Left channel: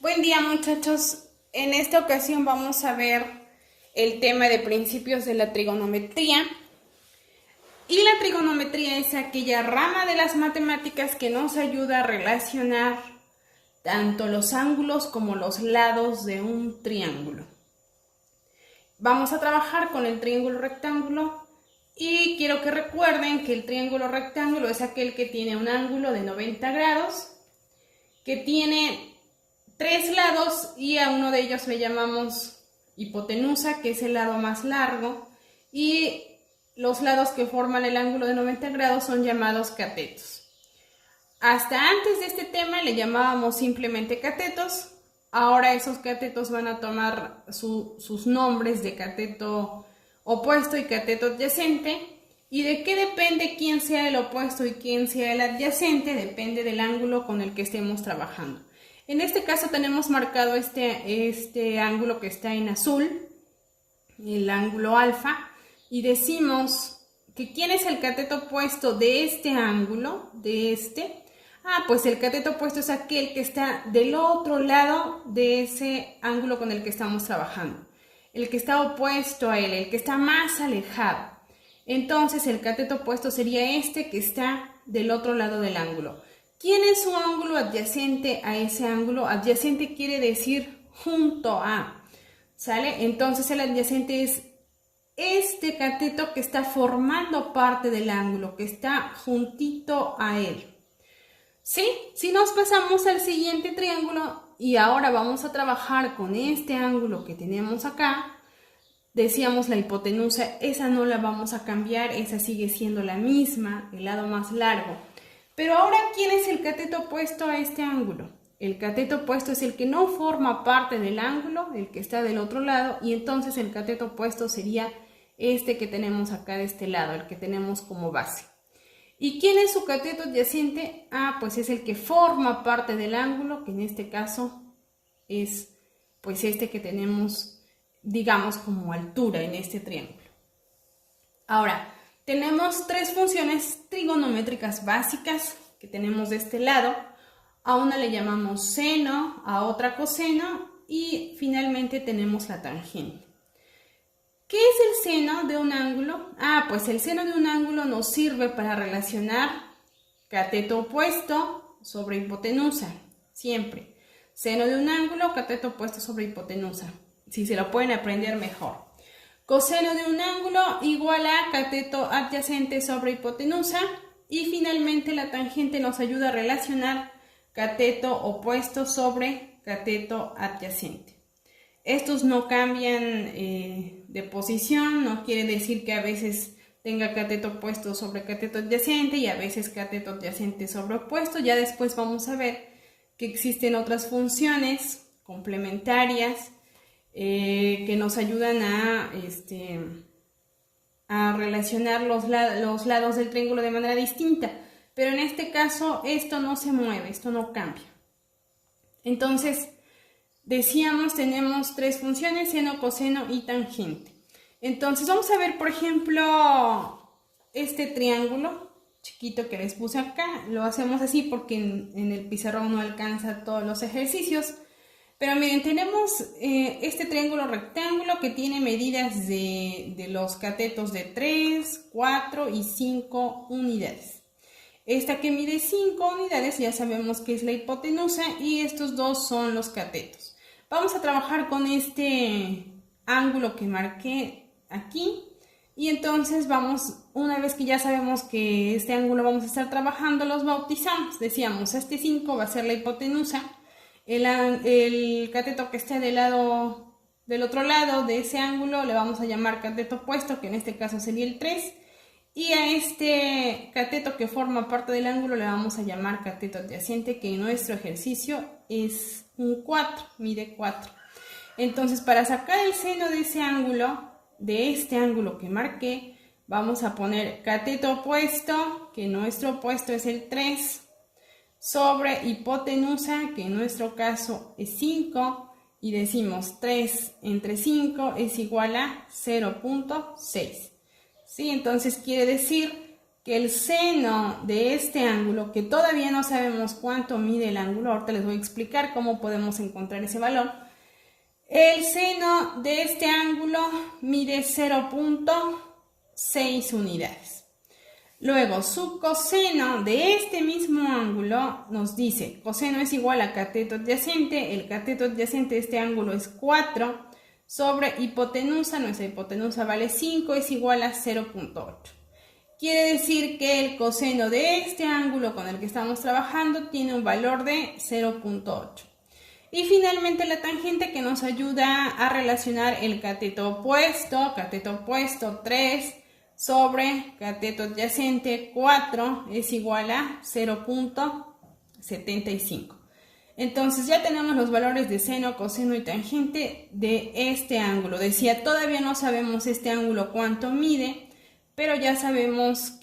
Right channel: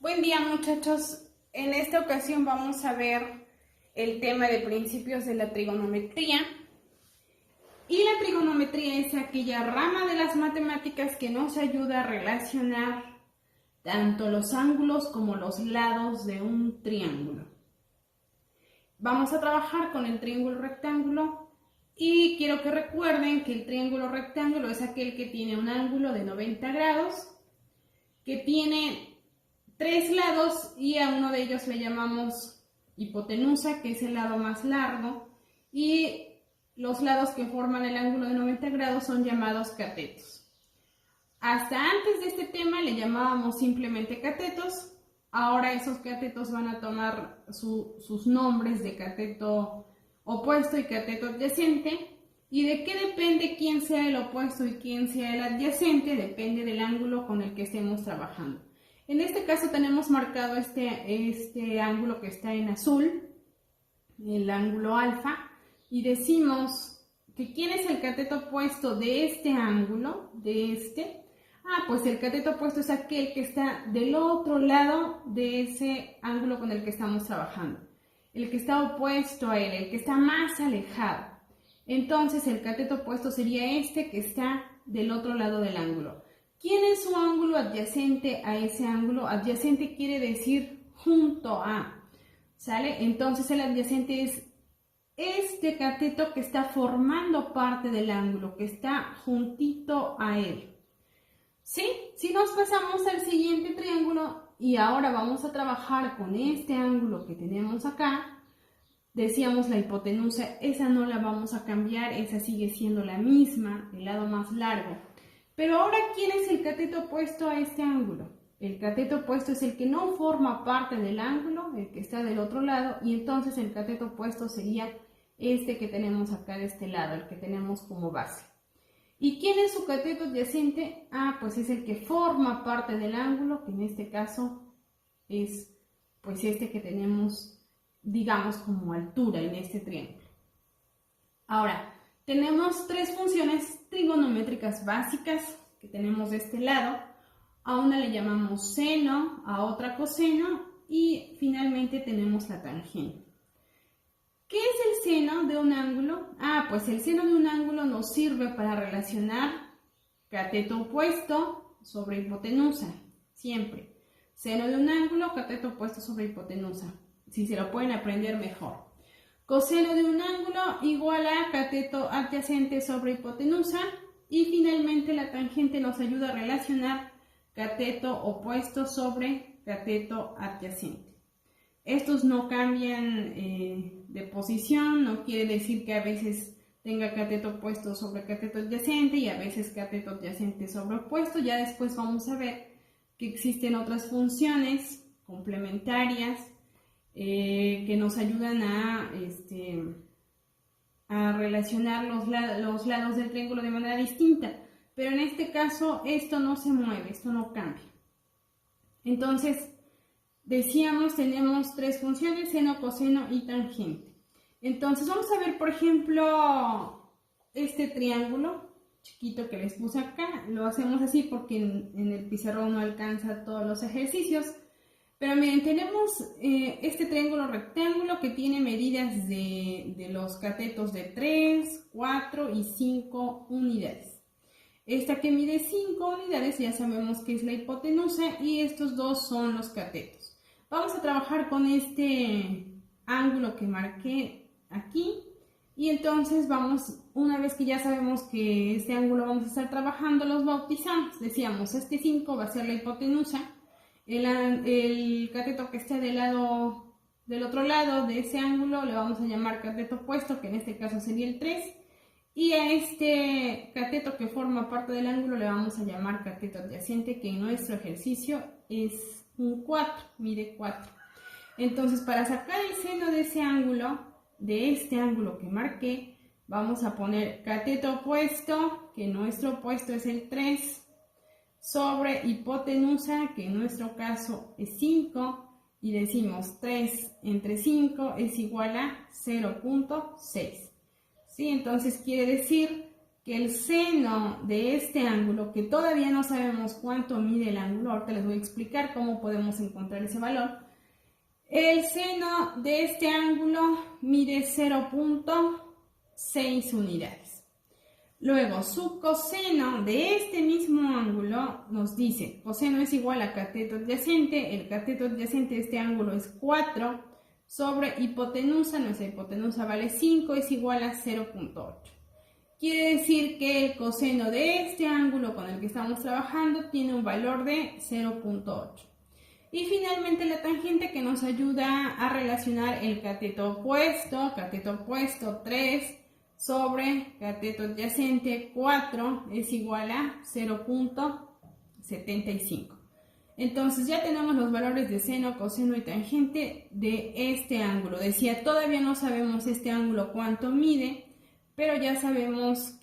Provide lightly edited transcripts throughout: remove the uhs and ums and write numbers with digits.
Buen día, muchachos. En esta ocasión vamos a ver el tema de principios de la trigonometría. Y la trigonometría es aquella rama de las matemáticas que nos ayuda a relacionar tanto los ángulos como los lados de un triángulo. Vamos a trabajar con el triángulo rectángulo y quiero que recuerden que el triángulo rectángulo es aquel que tiene un ángulo de 90 grados, que tiene 3 lados y a uno de ellos le llamamos hipotenusa, que es el lado más largo, y los lados que forman el ángulo de 90 grados son llamados catetos. Hasta antes de este tema le llamábamos simplemente catetos. Ahora esos catetos van a tomar sus nombres de cateto opuesto y cateto adyacente. ¿Y de qué depende quién sea el opuesto y quién sea el adyacente? Depende del ángulo con el que estemos trabajando. En este caso tenemos marcado este ángulo que está en azul, el ángulo alfa, y decimos que ¿quién es el cateto opuesto de este ángulo? Pues el cateto opuesto es aquel que está del otro lado de ese ángulo con el que estamos trabajando. El que está opuesto a él, el que está más alejado. Entonces el cateto opuesto sería este que está del otro lado del ángulo. ¿Quién es su ángulo adyacente a ese ángulo? Adyacente quiere decir junto a, ¿sale? Entonces el adyacente es este cateto que está formando parte del ángulo, que está juntito a él. ¿Sí? Si nos pasamos al siguiente triángulo y ahora vamos a trabajar con este ángulo que tenemos acá, decíamos la hipotenusa, esa no la vamos a cambiar, esa sigue siendo la misma, el lado más largo. Pero ahora, ¿quién es el cateto opuesto a este ángulo? El cateto opuesto es el que no forma parte del ángulo, el que está del otro lado, y entonces el cateto opuesto sería este que tenemos acá de este lado, el que tenemos como base. ¿Y quién es su cateto adyacente? Pues es el que forma parte del ángulo, que en este caso es pues este que tenemos, digamos, como altura en este triángulo. Ahora, tenemos tres funciones trigonométricas básicas que tenemos de este lado. A una le llamamos seno, a otra coseno y finalmente tenemos la tangente. ¿Qué es el seno de un ángulo? Pues el seno de un ángulo nos sirve para relacionar cateto opuesto sobre hipotenusa, siempre. Seno de un ángulo, cateto opuesto sobre hipotenusa. Si se lo pueden aprender mejor. Coseno de un ángulo igual a cateto adyacente sobre hipotenusa. Y finalmente la tangente nos ayuda a relacionar cateto opuesto sobre cateto adyacente. Estos no cambian de posición, no quiere decir que a veces tenga cateto opuesto sobre cateto adyacente y a veces cateto adyacente sobre opuesto. Ya después vamos a ver que existen otras funciones complementarias que nos ayudan a relacionar los lados del triángulo de manera distinta. Pero en este caso esto no se mueve, esto no cambia. Entonces, decíamos, tenemos tres funciones, seno, coseno y tangente. Entonces vamos a ver, por ejemplo, este triángulo chiquito que les puse acá. Lo hacemos así porque en el pizarrón no alcanza todos los ejercicios. Pero miren, tenemos este triángulo rectángulo que tiene medidas de los catetos de 3, 4 y 5 unidades. Esta que mide 5 unidades ya sabemos que es la hipotenusa y estos dos son los catetos. Vamos a trabajar con este ángulo que marqué aquí y entonces vamos, una vez que ya sabemos que este ángulo vamos a estar trabajando, los bautizamos. Decíamos, este 5 va a ser la hipotenusa, el cateto que esté del otro lado de ese ángulo le vamos a llamar cateto opuesto, que en este caso sería el 3, y a este cateto que forma parte del ángulo le vamos a llamar cateto adyacente, que en nuestro ejercicio es un 4, mide 4. Entonces, para sacar el seno de ese ángulo, de este ángulo que marqué, vamos a poner cateto opuesto, que nuestro opuesto es el 3, sobre hipotenusa, que en nuestro caso es 5, y decimos 3 entre 5 es igual a 0.6. ¿Sí? Entonces quiere decir que el seno de este ángulo, que todavía no sabemos cuánto mide el ángulo, ahorita les voy a explicar cómo podemos encontrar ese valor. El seno de este ángulo mide 0.6 unidades. Luego, su coseno de este mismo ángulo nos dice, coseno es igual a cateto adyacente, el cateto adyacente de este ángulo es 4 sobre hipotenusa, nuestra hipotenusa vale 5, es igual a 0.8. Quiere decir que el coseno de este ángulo con el que estamos trabajando tiene un valor de 0.8. Y finalmente la tangente, que nos ayuda a relacionar el cateto opuesto 3 sobre cateto adyacente 4 es igual a 0.75. Entonces ya tenemos los valores de seno, coseno y tangente de este ángulo. Decía, todavía no sabemos este ángulo cuánto mide, pero ya sabemos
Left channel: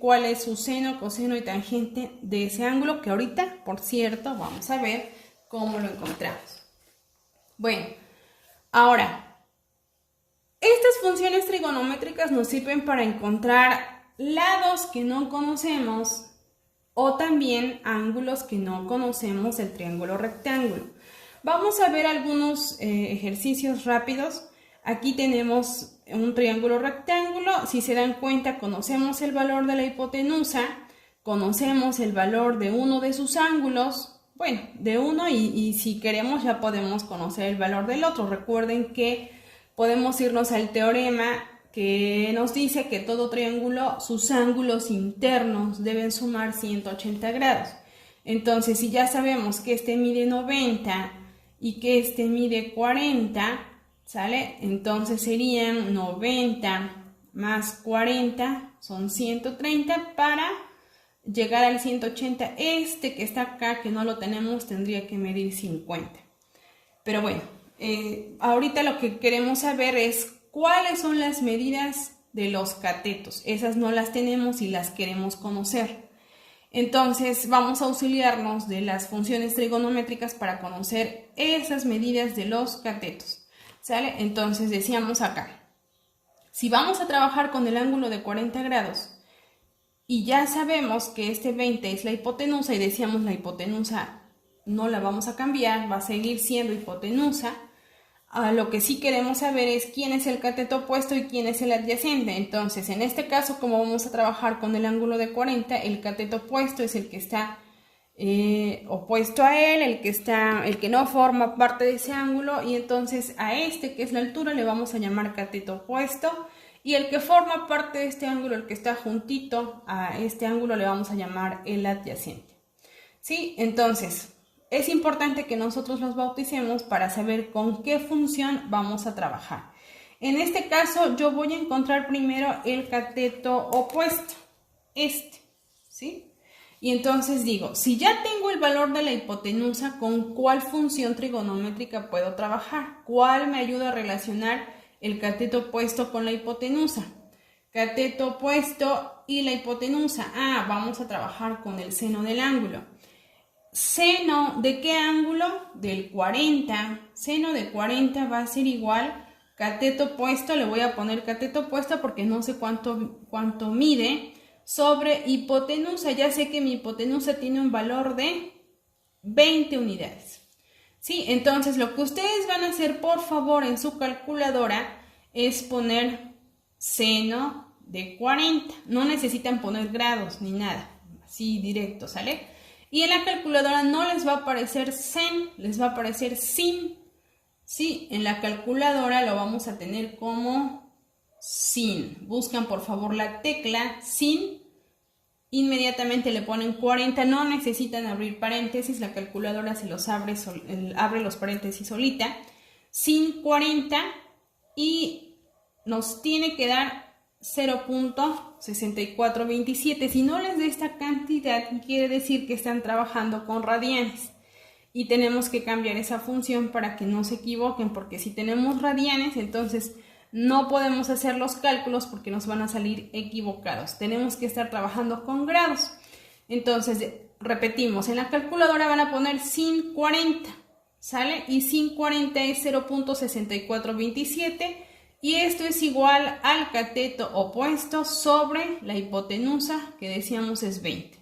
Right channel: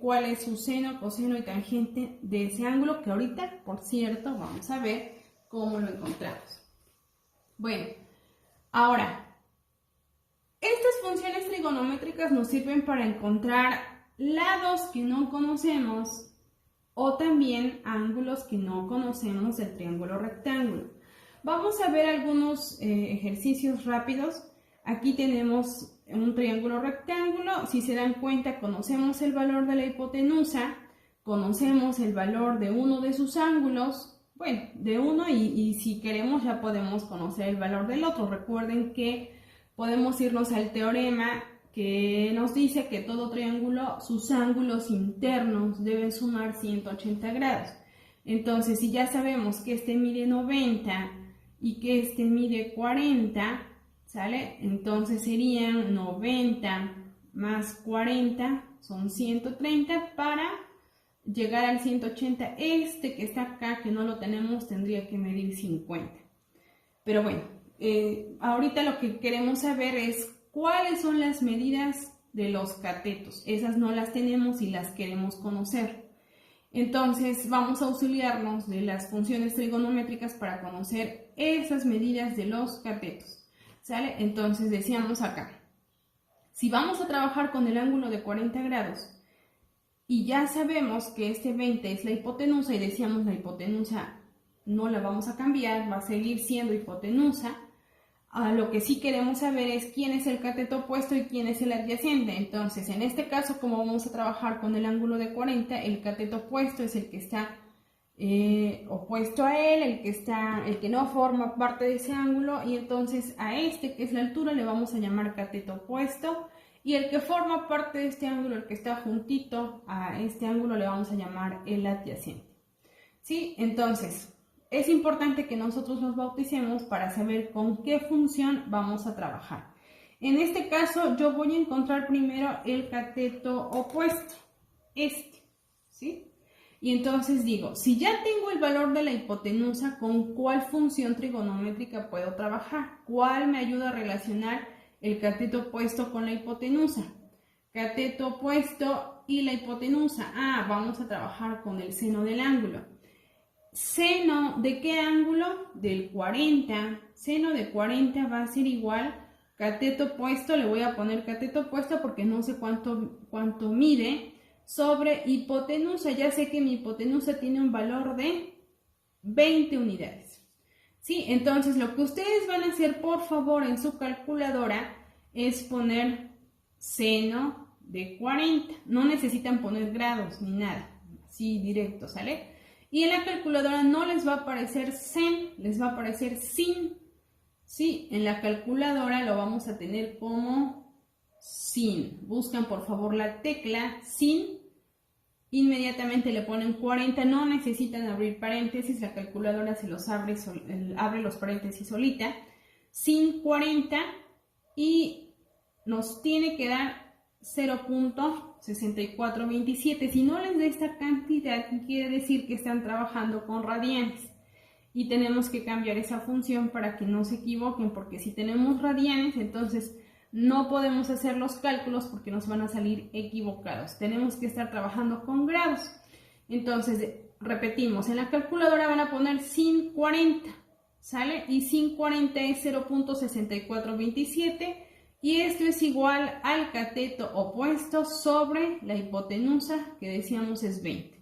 cuál es su seno, coseno y tangente de ese ángulo, que ahorita, por cierto, vamos a ver cómo lo encontramos. Bueno, ahora, estas funciones trigonométricas nos sirven para encontrar lados que no conocemos o también ángulos que no conocemos del triángulo rectángulo. Vamos a ver algunos ejercicios rápidos. Aquí tenemos un triángulo rectángulo. Si se dan cuenta, conocemos el valor de la hipotenusa, conocemos el valor de uno de sus ángulos, bueno, de uno, y si queremos ya podemos conocer el valor del otro. Recuerden que podemos irnos al teorema que nos dice que todo triángulo, sus ángulos internos deben sumar 180 grados. Entonces, si ya sabemos que este mide 90 y que este mide 40, ¿sale? Entonces serían 90 más 40, son 130 para llegar al 180. Este que está acá, que no lo tenemos, tendría que medir 50. Pero bueno, ahorita lo que queremos saber es cuáles son las medidas de los catetos. Esas no las tenemos y las queremos conocer. Entonces vamos a auxiliarnos de las funciones trigonométricas para conocer esas medidas de los catetos. ¿Sale? Entonces decíamos acá, si vamos a trabajar con el ángulo de 40 grados y ya sabemos que este 20 es la hipotenusa y decíamos la hipotenusa no la vamos a cambiar, va a seguir siendo hipotenusa, lo que sí queremos saber es quién es el cateto opuesto y quién es el adyacente. Entonces, en este caso, como vamos a trabajar con el ángulo de 40, el cateto opuesto es el que está opuesto a él, el que no forma parte de ese ángulo, y entonces a este, que es la altura, le vamos a llamar cateto opuesto, y el que forma parte de este ángulo, el que está juntito a este ángulo, le vamos a llamar el adyacente. ¿Sí? Entonces, es importante que nosotros los bauticemos para saber con qué función vamos a trabajar. En este caso, yo voy a encontrar primero el cateto opuesto, ¿sí? Y entonces digo, si ya tengo el valor de la hipotenusa, ¿con cuál función trigonométrica puedo trabajar? ¿Cuál me ayuda a relacionar el cateto opuesto con la hipotenusa? Cateto opuesto y la hipotenusa. Vamos a trabajar con el seno del ángulo. ¿Seno de qué ángulo? Del 40. Seno de 40 va a ser igual cateto opuesto, le voy a poner cateto opuesto porque no sé cuánto mide, sobre hipotenusa. Ya sé que mi hipotenusa tiene un valor de 20 unidades. ¿Sí? Entonces lo que ustedes van a hacer, por favor, en su calculadora es poner seno de 40. No necesitan poner grados ni nada, así directo, ¿sale? Y en la calculadora no les va a aparecer sen, les va a aparecer sin. Sí, en la calculadora lo vamos a tener como sin. Buscan por favor la tecla sin, inmediatamente le ponen 40, no necesitan abrir paréntesis, la calculadora se los abre los paréntesis solita. Sin 40 y nos tiene que dar 0.6427. Si no les da esta cantidad, quiere decir que están trabajando con radianes y tenemos que cambiar esa función para que no se equivoquen, porque si tenemos radianes, entonces no podemos hacer los cálculos porque nos van a salir equivocados. Tenemos que estar trabajando con grados. Entonces, repetimos, en la calculadora van a poner sin 40, ¿sale? Y sin 40 es 0.6427. y esto es igual al cateto opuesto sobre la hipotenusa, que decíamos es 20.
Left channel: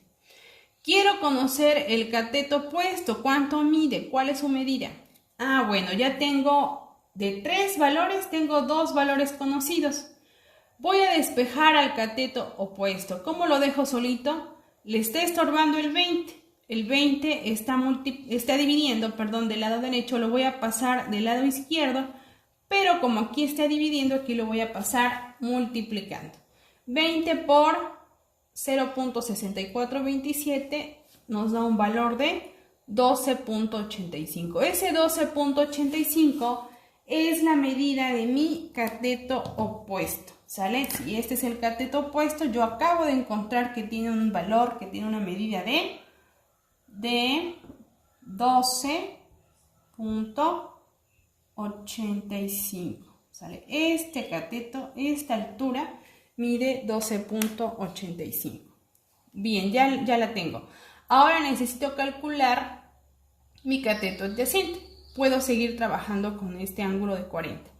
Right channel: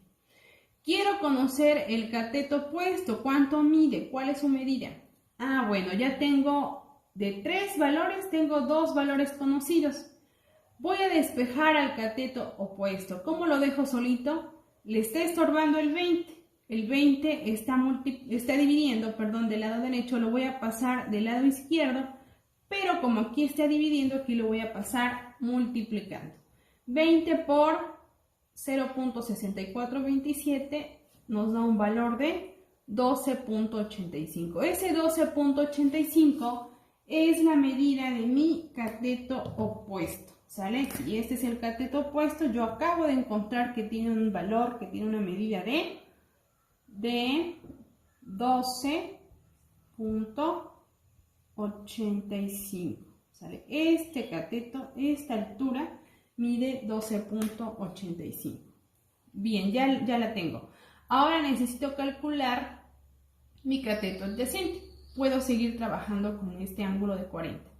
Quiero conocer el cateto opuesto, ¿cuánto mide? ¿Cuál es su medida? Bueno, ya tengo de 3 valores, tengo 2 valores conocidos. Voy a despejar al cateto opuesto. ¿Cómo lo dejo solito? Le está estorbando el 20. El 20 está dividiendo, del lado derecho, lo voy a pasar del lado izquierdo, pero como aquí está dividiendo, aquí lo voy a pasar multiplicando. 20 por 0.6427 nos da un valor de 12.85. Ese 12.85 es la medida de mi cateto opuesto, ¿sale? Y este es el cateto opuesto. Yo acabo de encontrar que tiene un valor, que tiene una medida de 12.85, ¿sale? Este cateto, esta altura, mide 12.85. Bien, ya la tengo. Ahora necesito calcular mi cateto adyacente. Puedo seguir trabajando con este ángulo de 40.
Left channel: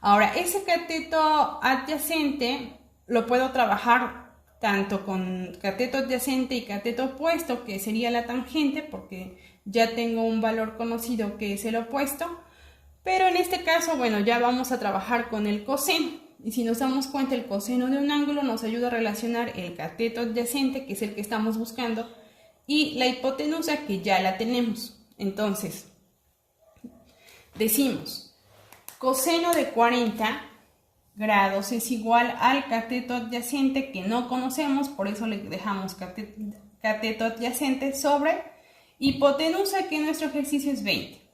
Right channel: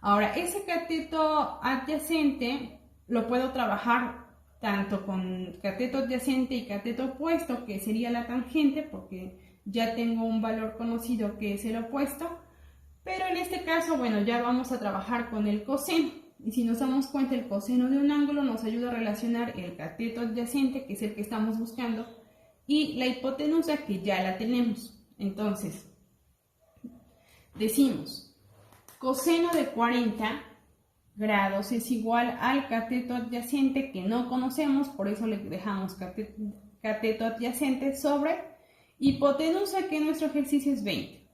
Ahora, ese cateto adyacente lo puedo trabajar tanto con cateto adyacente y cateto opuesto, que sería la tangente, porque ya tengo un valor conocido que es el opuesto. Pero en este caso, bueno, ya vamos a trabajar con el coseno. Y si nos damos cuenta, el coseno de un ángulo nos ayuda a relacionar el cateto adyacente, que es el que estamos buscando, y la hipotenusa, que ya la tenemos. Entonces, decimos, coseno de 40 grados es igual al cateto adyacente, que no conocemos, por eso le dejamos cateto adyacente sobre hipotenusa, que nuestro ejercicio es 20.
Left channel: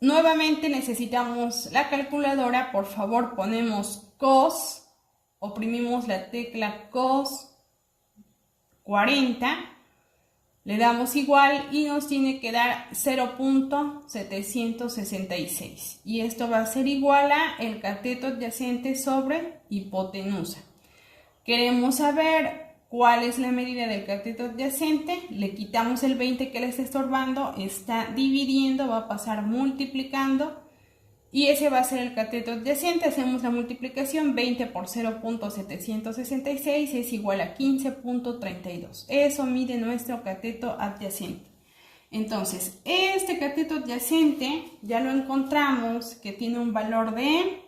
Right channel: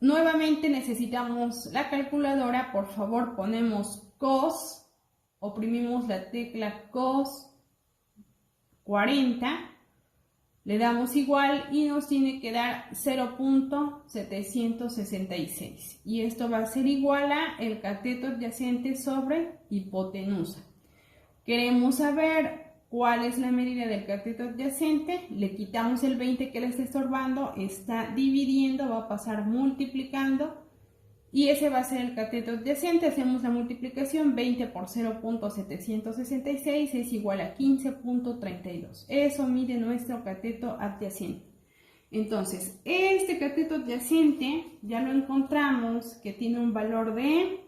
Nuevamente necesitamos la calculadora. Por favor, ponemos cos, oprimimos la tecla cos 40, le damos igual y nos tiene que dar 0.766. Y esto va a ser igual a el cateto adyacente sobre hipotenusa. Queremos saber cuál es la medida del cateto adyacente. Le quitamos el 20 que le está estorbando, está dividiendo, va a pasar multiplicando, y ese va a ser el cateto adyacente. Hacemos la multiplicación, 20 por 0.766 es igual a 15.32. Eso mide nuestro cateto adyacente. Entonces, este cateto adyacente ya lo encontramos, que tiene un valor de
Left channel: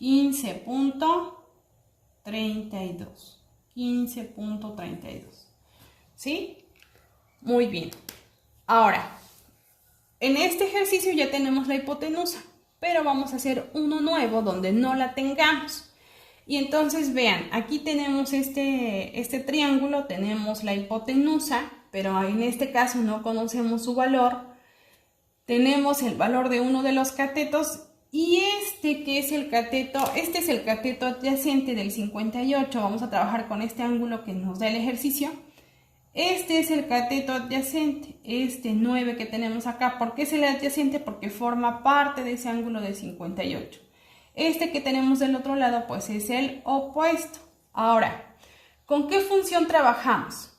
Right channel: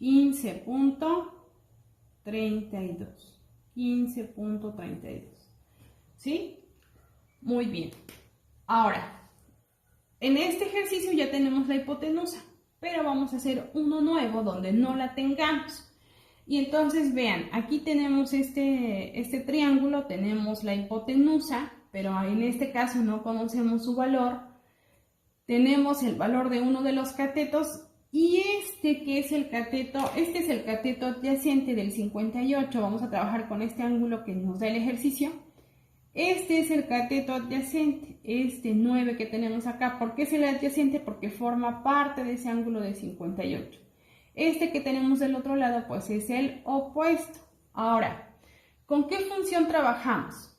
15.32. 15.32. ¿Sí? Muy bien. Ahora, en este ejercicio ya tenemos la hipotenusa, pero vamos a hacer uno nuevo donde no la tengamos. Y entonces vean, aquí tenemos este triángulo, tenemos la hipotenusa, pero en este caso no conocemos su valor. Tenemos el valor de uno de los catetos, y que es el cateto, este es el cateto adyacente del 58. Vamos a trabajar con este ángulo que nos da el ejercicio. Este es el cateto adyacente, este 9 que tenemos acá. ¿Por qué es el adyacente? Porque forma parte de ese ángulo de 58. Este que tenemos del otro lado, pues es el opuesto. Ahora, ¿con qué función trabajamos?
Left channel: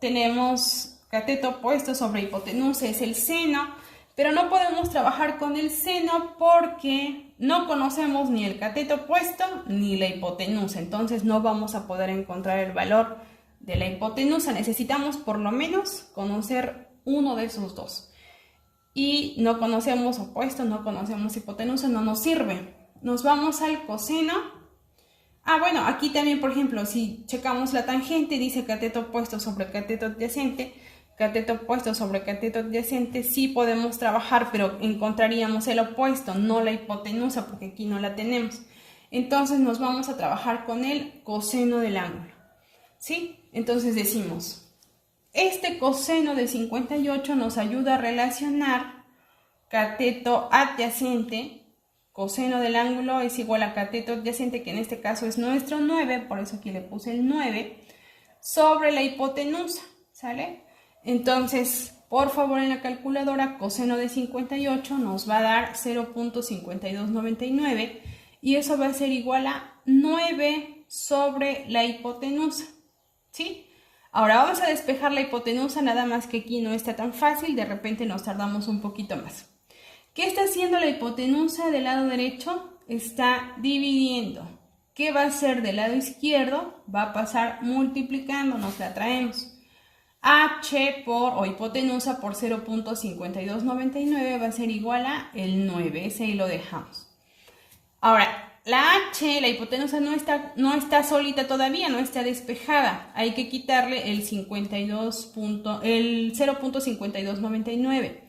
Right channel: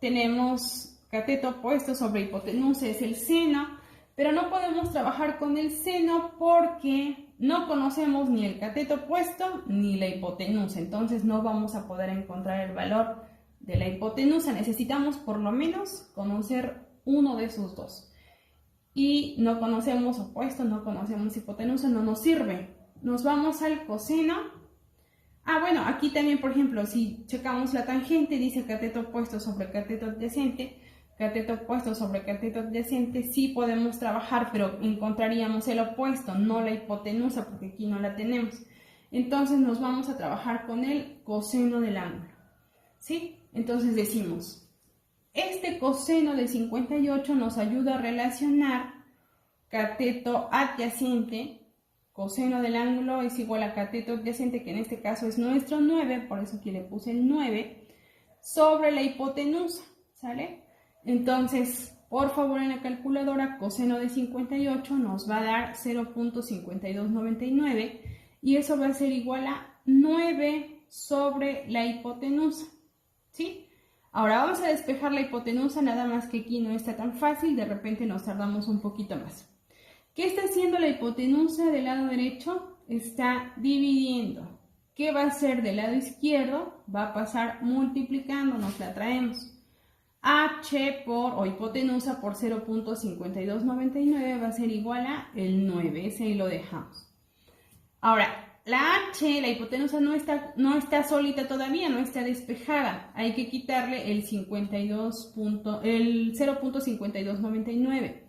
Tenemos cateto opuesto sobre hipotenusa, es el seno. Pero no podemos trabajar con el seno porque no conocemos ni el cateto opuesto ni la hipotenusa. Entonces no vamos a poder encontrar el valor de la hipotenusa. Necesitamos por lo menos conocer uno de esos dos. Y no conocemos opuesto, no conocemos hipotenusa, no nos sirve. Nos vamos al coseno. Bueno, aquí también, por ejemplo, si checamos la tangente, dice cateto opuesto sobre cateto adyacente. Cateto opuesto sobre cateto adyacente, sí podemos trabajar, pero encontraríamos el opuesto, no la hipotenusa, porque aquí no la tenemos. Entonces nos vamos a trabajar con el coseno del ángulo, ¿sí? Entonces decimos, este coseno de 58 nos ayuda a relacionar cateto adyacente, coseno del ángulo es igual a cateto adyacente, que en este caso es nuestro 9, por eso aquí le puse el 9, sobre la hipotenusa, ¿sale? Entonces, por favor, en la calculadora, coseno de 58 nos va a dar 0.5299, y eso va a ser igual a 9 sobre la hipotenusa, ¿sí? Ahora vamos a despejar la hipotenusa, nada más que aquí no está tan fácil, de repente nos tardamos un poquito más. ¿Qué está haciendo la hipotenusa del lado derecho? está dividiendo. ¿Qué va a hacer del lado izquierdo? Va a pasar multiplicando, nos la traemos. H o hipotenusa por 0.5299 va a ser igual a el 9, ese ahí lo dejamos. Ahora, la H, la hipotenusa no está solita todavía, no está despejada. Hay que quitarle el 0.5299.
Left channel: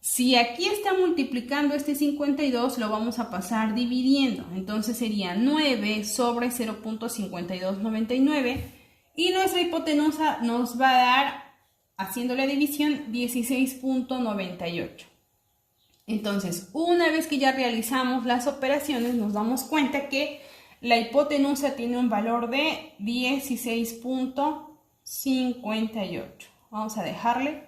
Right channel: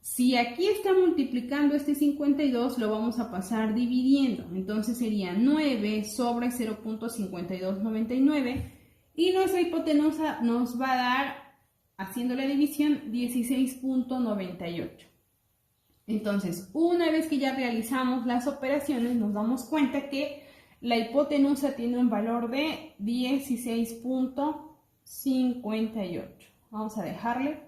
Si aquí está multiplicando este 52, lo vamos a pasar dividiendo. Entonces sería 9 sobre 0.5299. Y nuestra hipotenusa nos va a dar, haciendo la división, 16.98. Entonces, una vez que ya realizamos las operaciones, nos damos cuenta que la hipotenusa tiene un valor de 16.58. Vamos a dejarle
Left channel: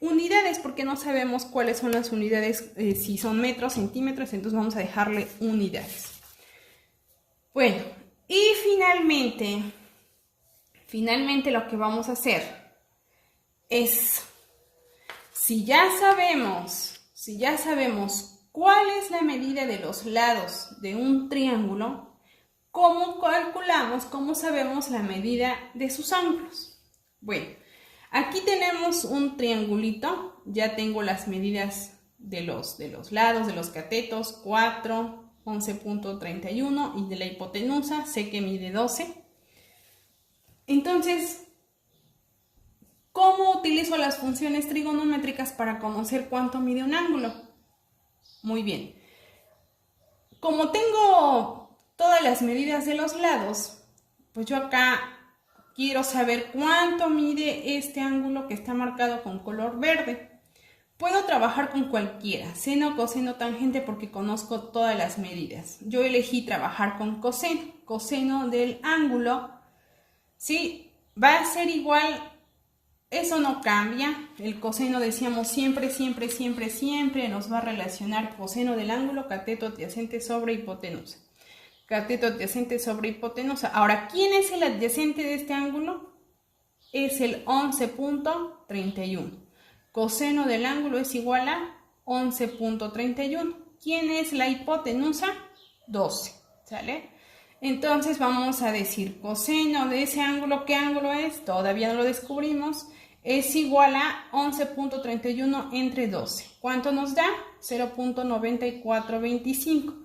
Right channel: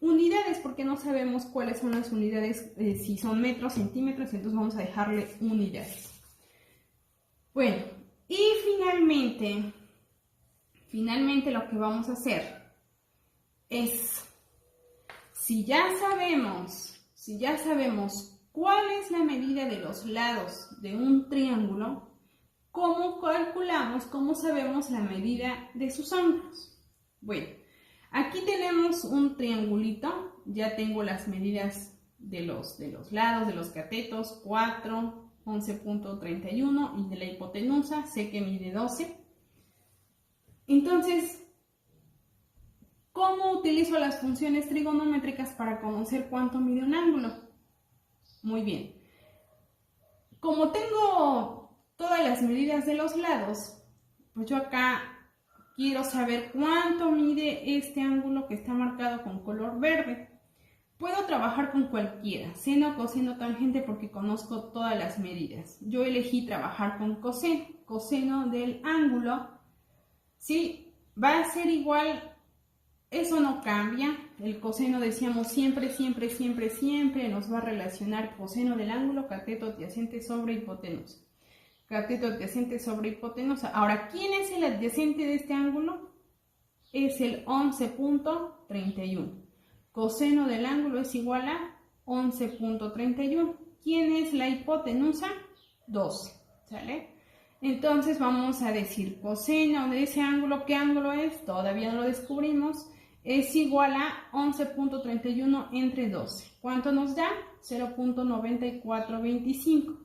unidades porque no sabemos cuáles son las unidades, si son metros, centímetros, entonces vamos a dejarle unidades. Bueno, y finalmente lo que vamos a hacer es, si ya sabemos cuál es la medida de los lados de un triángulo, ¿cómo calculamos, cómo sabemos la medida de sus ángulos? Bueno, aquí tenemos un triangulito, ya tengo las medidas de los lados, de los catetos, 4, 11.31 y de la hipotenusa, sé que mide 12. Entonces, ¿cómo utilizo las funciones trigonométricas para conocer cuánto mide un ángulo? Muy bien. Como tengo todas las medidas de los lados, pues yo acá quiero saber cuánto mide este ángulo que está marcado con color verde. Puedo trabajar con cualquiera, seno, coseno, tangente, porque conozco todas las medidas. Yo elegí trabajar con coseno. Coseno del ángulo, ¿sí? Va a ser igual, eso no cambia. El coseno, decíamos, siempre nos va a relacionar coseno del ángulo, cateto adyacente sobre hipotenusa. Cateto adyacente sobre hipotenusa. Ahora, ¿quién es el adyacente de este ángulo? Es el 11.31. Coseno del ángulo es igual a 11.31. ¿Quién es la hipotenusa? 12. ¿Sale? Entonces vamos a decir coseno de ese ángulo. ¿Qué ángulo es? Todavía no lo descubrimos. Es igual a 11.31 entre 12. ¿Cuánto nos da? 0.9425.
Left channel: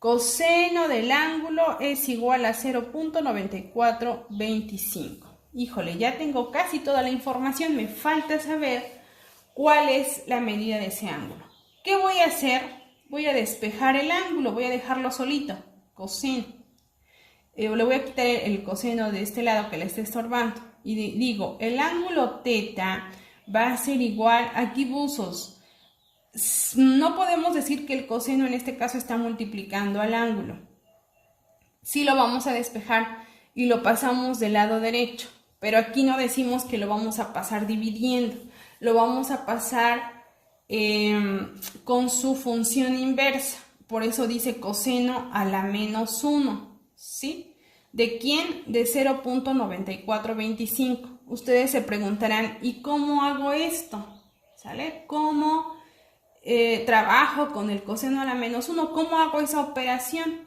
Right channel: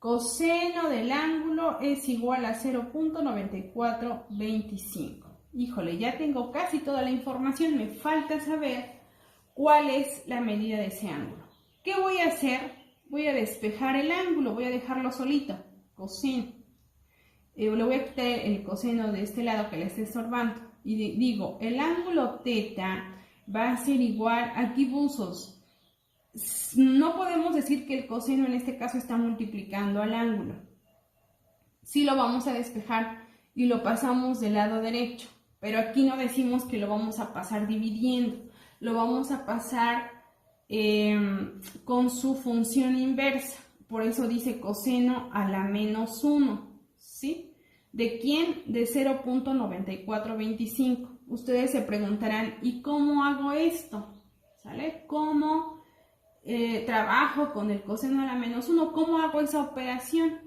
Coseno del ángulo es igual a 0.9425. Híjole, ya tengo casi toda la información. Me falta saber cuál es la medida de ese ángulo. ¿Qué voy a hacer? Voy a despejar el ángulo, voy a dejarlo solito. Coseno. Le voy a quitar el coseno de este lado que le está estorbando. Y digo, el ángulo teta va a ser igual, aquí buzos. No podemos decir que el coseno en este caso está multiplicando al ángulo. Sí lo vamos a despejar y lo pasamos del lado derecho. Pero aquí no decimos que lo vamos a pasar dividiendo. Lo vamos a pasar con su función inversa. Por eso dice coseno a la menos 1. ¿Sí? ¿De quién? De 0.9425. Ustedes se preguntarán, ¿y cómo hago esto? ¿Sale? ¿Cómo trabajo con el coseno a la menos 1? ¿Cómo hago esa operación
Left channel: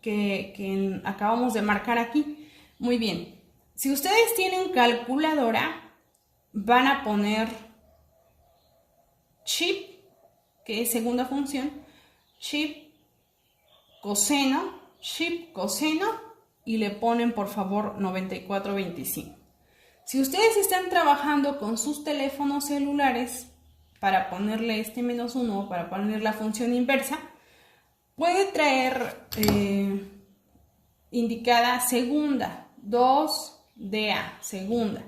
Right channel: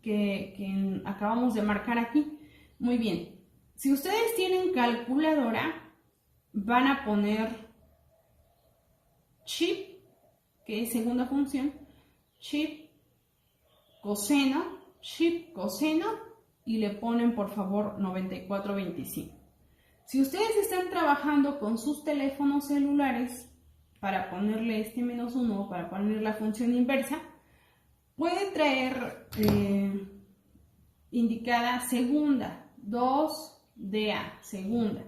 que acabamos de marcar aquí? Muy bien. Si ustedes tienen calculadora, van a poner chip, que es segunda función, chip, coseno, y le ponen por favor 9425. Si ustedes están trabajando con sus teléfonos celulares, para ponerle este menos 1, para poner la función inversa, puede traer indicada segunda, 2DA, segunda.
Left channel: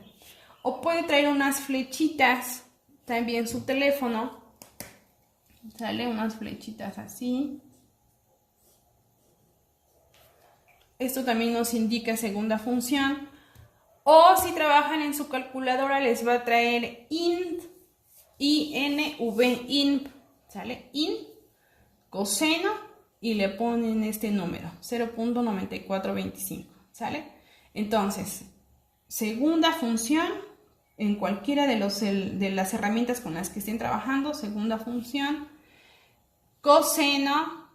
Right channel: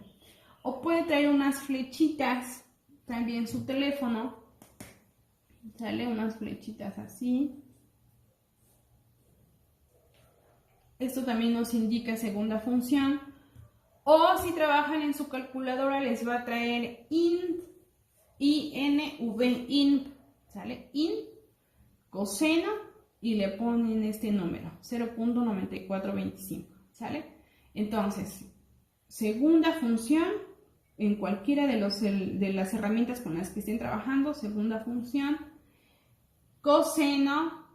O puede traer unas flechitas, también su teléfono, sale unas flechitas así. Esto también nos indica segunda función. O si trabajan en su calculadora les va a traer int, INV, ¿sale? Int, coseno, y le ponen este número, 0.9425, ¿sale? Entonces, segunda función, en cualquiera de las herramientas con las que estén trabajando, segunda función, coseno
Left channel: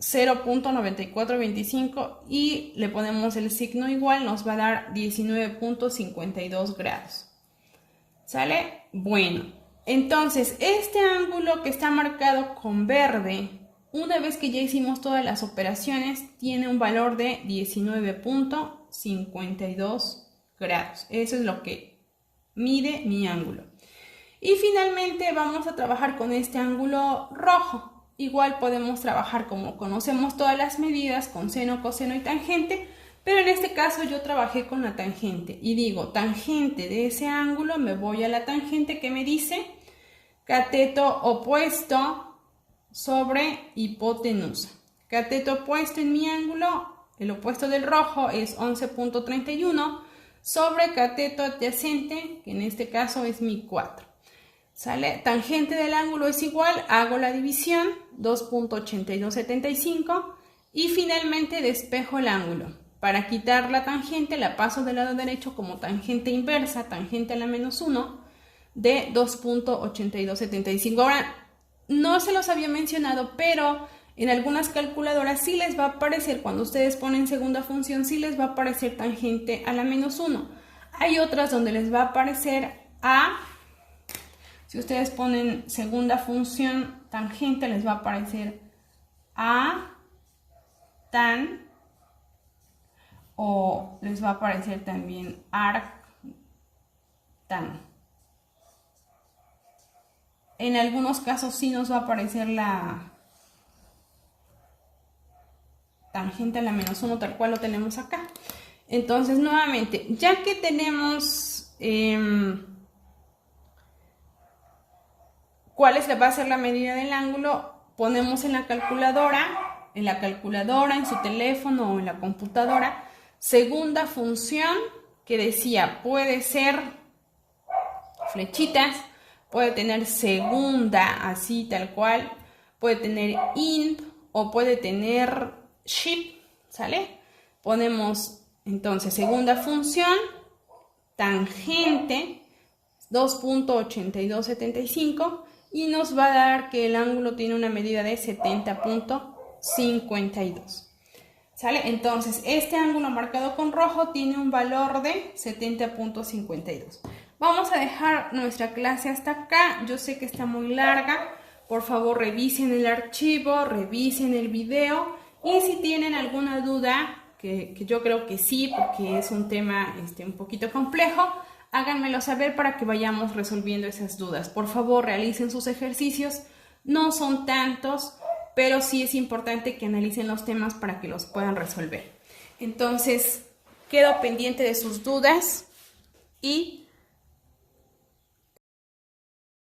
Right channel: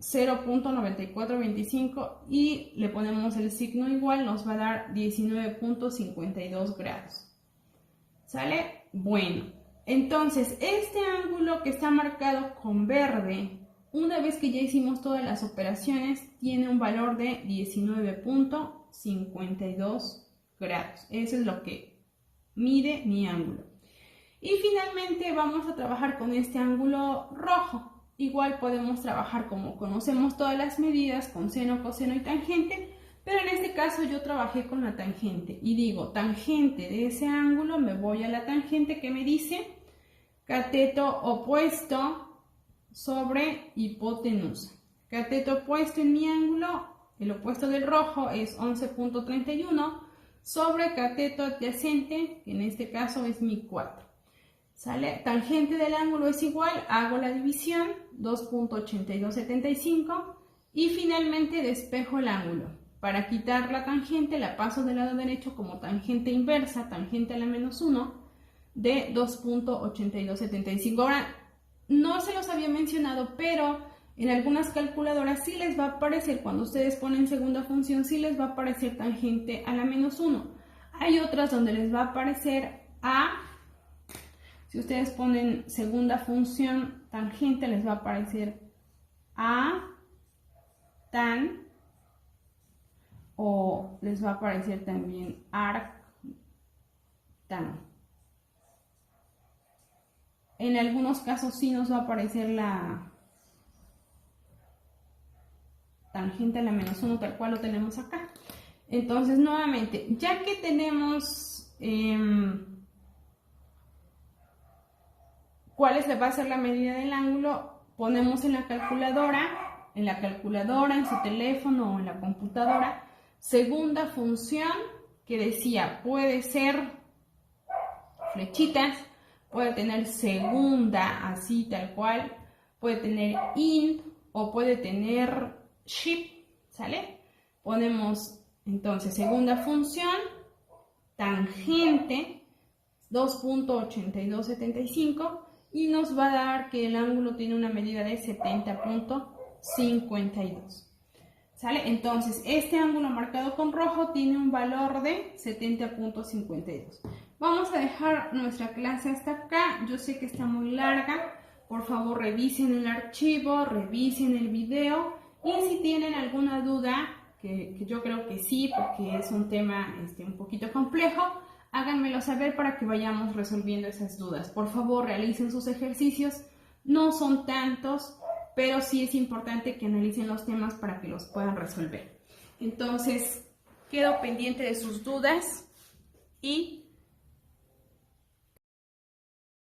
0.9425 y le ponemos el signo igual, nos va a dar 19.52 grados. ¿Sale? Bueno, entonces este ángulo que está marcado con verde, una vez que ya hicimos todas las operaciones, tiene un valor de 19.52 grados. Eso es lo que mide mi ángulo. Y finalmente vamos a trabajar con este ángulo rojo. Igual podemos trabajar como conocemos todas las medidas, con seno, coseno y tangente, pero en este caso yo trabajé con la tangente y digo tangente de ese ángulo, me voy a la tangente que me dice cateto opuesto sobre hipotenusa. Cateto opuesto en mi ángulo, el opuesto del rojo es 11.31 sobre cateto adyacente, que en este caso es mi 4. ¿Sale? Tangente del ángulo es igual, hago la división, 2.8275 y finalmente despejo el ángulo. Para quitar la tangente la paso del lado derecho como tangente inversa, tangente a la menos 1 de 2.8275. Ahora, no se los había mencionado, pero en algunas calculadoras sí les va a aparecer, cuando ustedes ponen segunda función, sí les va a aparecer tangente a la menos 1. Hay otras donde les va a aparecer a... Si ustedes ponen segunda función tangente, les va a aparecer a tan, o les va a aparecer también arc tan. En algunos casos sí nos va a aparecer la tangente a la menos 1, tal cual lo tenemos acá. Entonces, nuevamente, ya que tenemos... ¿cuál va a ser la medida del ángulo? Ponemos en la calculadora, en su teléfono o en la computadora, segunda función que decía, puede ser flechitas, puede tener segunda, así tal cual, puede tener int o puede tener shift, ¿sale? Ponemos entonces segunda función, tangente, 2.8275, y nos va a dar que el ángulo tiene una medida de 70.52. ¿Sale? Entonces, este ángulo marcado con rojo tiene un valor de 70.52. Vamos a dejar nuestra clase hasta acá. Yo sé que está muy larga. Por favor, revisen el archivo, revisen el video. Y si tienen alguna duda, que yo creo que sí, porque es un tema un poquito complejo, háganmelo saber para que vayamos resolviendo esas dudas. Por favor, realicen sus ejercicios. No son tantos, pero sí es importante que analicen los temas para que los puedan resolver. Entonces, quedo pendiente de sus dudas y